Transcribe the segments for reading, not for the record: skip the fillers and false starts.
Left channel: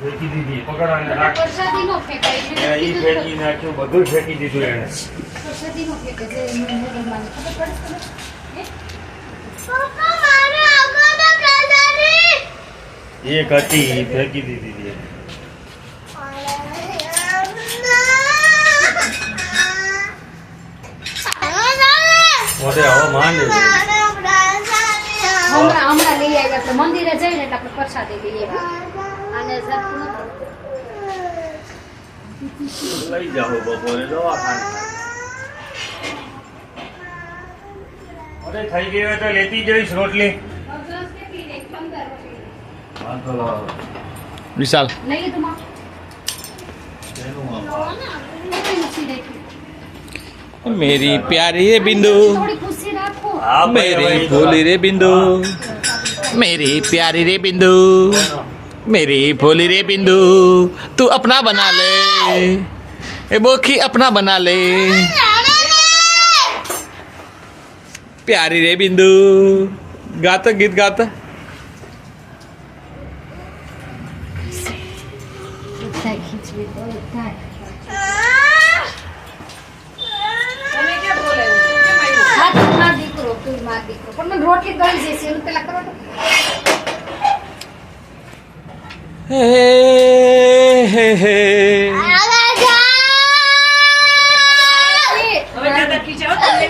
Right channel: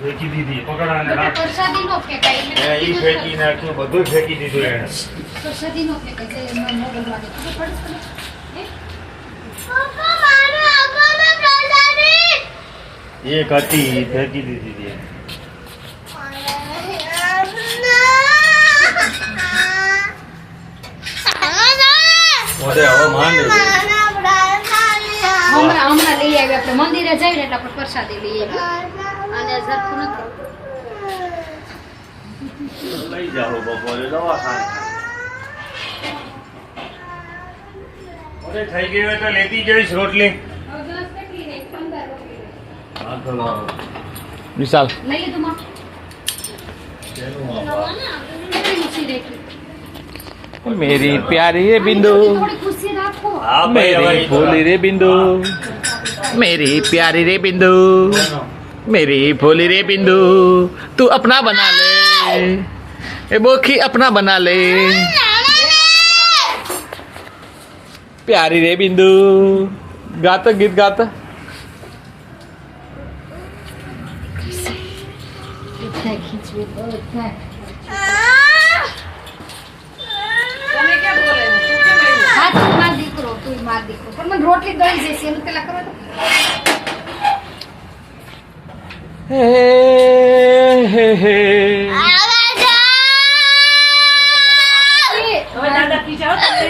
ફેંકી દીધી પકડાને રાખ પ્રસાદી નો ફેંકાય ઈ ફેંકી નાખ્યું બધું ફેંકી દીધું એને પ્રસાદી નો ફેંકાય જે મોગલમાં ખબર પડે છે પપ્પા મારો આગળનો પ્રસાદી એક હતી ઈ ફેંકી દીધી હતી એને. ઓરે હવે માંડે છે. હમણાં લઈ આવ્યા આપણે મંદિરે જઈને એટલે આપણે પ્રસાદી લઈ આવ્યા અને સરખું નથી લઈ જાઓ બપોરે દવાખાને અરે થઈ ગયું હોય તો લેતી જઈશ રોટલી હા તો લાવો. વિશાલ લઈ લીધું માં તેનું આપ. मेरी प्यारी रे बिंदु થોડી ખુશી રાખો હા ભાઈ, હવે मेरी ઈ તો भोली रे बिंदु मेरी प्यारी रे बिंदु मेरी भोली रे बिंदु तू अपना बना ले ए बोखी अपना बना ले प्यारी रे बिंदु गाता गीत गाता બધા ખીચવી બધા હા તું માર દીકરો તું માર દીકરો પણ મને રોટલી ગળી જશે એનું પેલા કરો તો हे हे हे હવે દાદા પી જાઓ તમે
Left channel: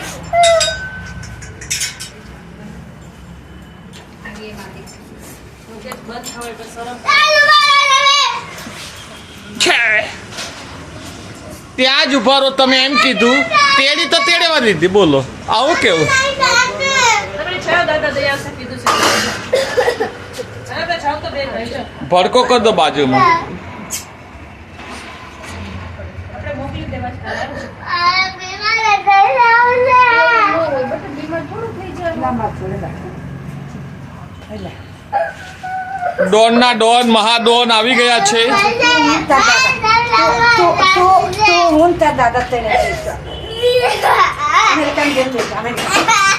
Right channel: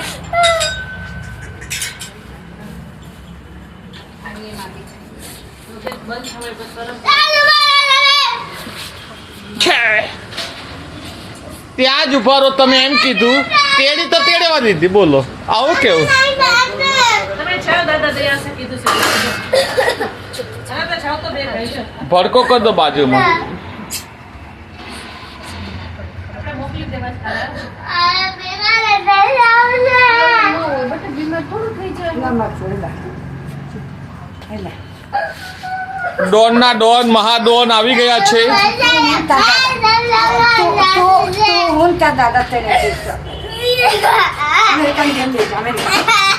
આગે માર દીકરો બંધ થવાય તો શરમ ત્યાં જ ઉભા રહો તમે એમ કીધું તેડી તો તેડવા દીધી બોલો આવું કેવું ભડકો કર દો બાજુમાં બટ બીમાર થોડું થઈ જાય ના માર થોડે ડોન ના ડોન મહાડોન આવી ગયા છે American Generation, American.